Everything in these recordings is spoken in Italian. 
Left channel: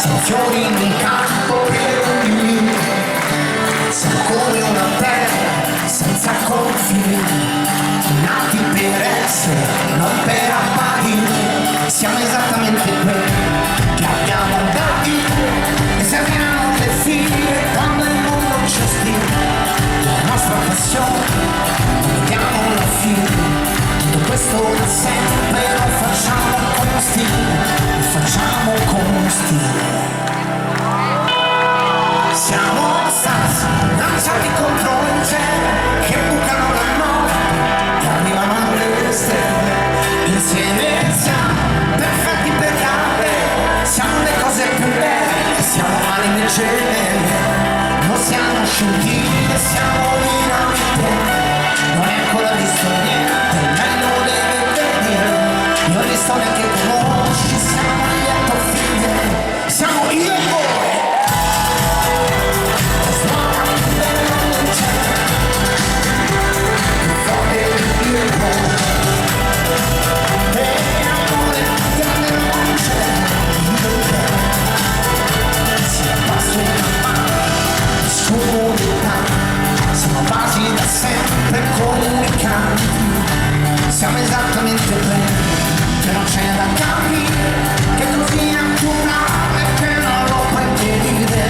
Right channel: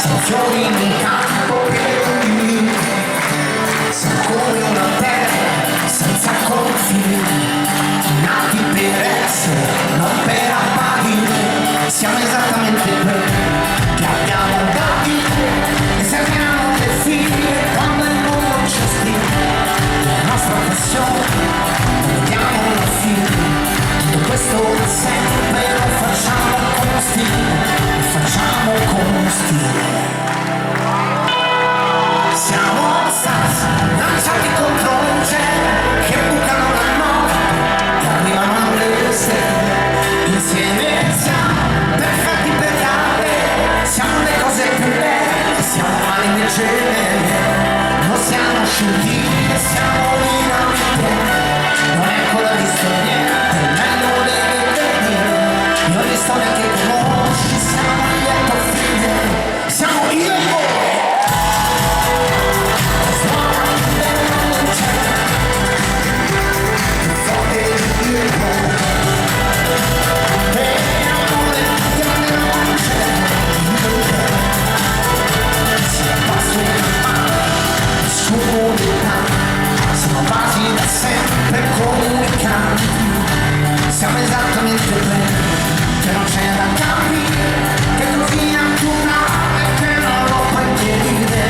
Siamo fiori nel campo che lumini, siamo come una terra senza confini, nati per essere, non per apparire. Siamo esattamente quelli che abbiamo da dire e serviamo le figlie quando il mondo ci ostina. La nostra passione, non vediamo la fine. Tutto questo da sempre lo facciamo con stile, lo facciamo con stile. Siamo stati lanciati contro un cielo che bucano la notte e arrivano le stelle. Insieme siamo perfetti per dare, siamo le cose più belle, siamo anime gemelle, non siamo scintille, siamo dinamite. Non è ancora visto niente, meglio deve venire. Io le storie che conosci, siamo a lieto fine, siamo io e voi. Siamo basi da sempre comunicanti, siamo esattamente quelli che non c'è da capire, che così è naturale che non lo puoi impedire.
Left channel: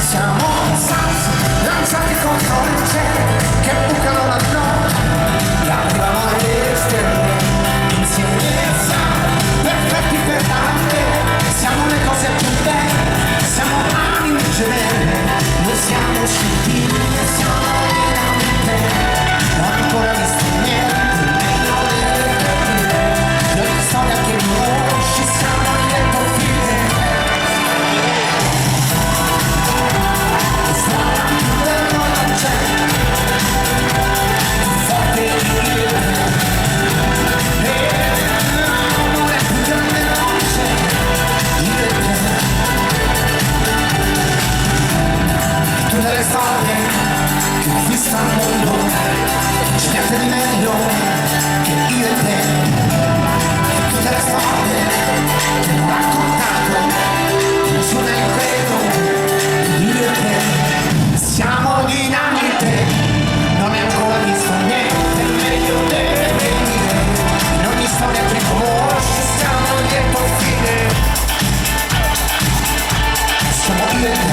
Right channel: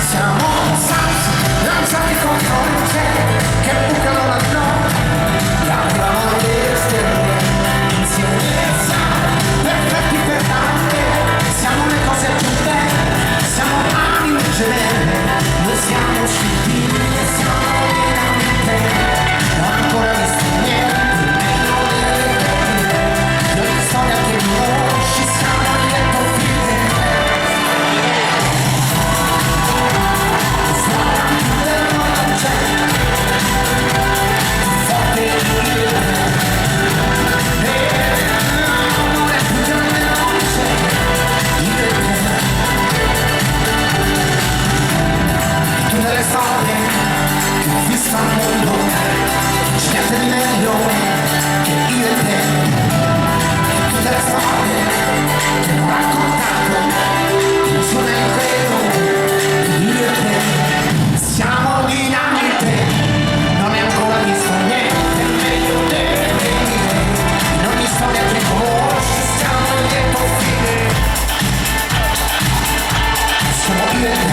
Siamo stati lanciati contro il cielo che bucano la notte e arrivano le stelle. Insieme siamo perfetti per dare, siamo le cose più belle, siamo anime gemelle. Noi siamo scintille, siamo veramente, non ho ancora visto niente, meglio deve venire. Noi storia che conosci, siamo a lieto fine. Suona più del non c'è, più forte di io. Non è più grande, non c'è, io e te. Tutte le storie che ho visto al mondo, c'è niente di meglio che io e te. Tutte le storie che ho raccontato, nessuno è credo, io e te. Siamo dinamite, non è ancora visto niente, meglio deve venire. In ogni storia che conosci, siamo a lieto fine. Siamo io e te.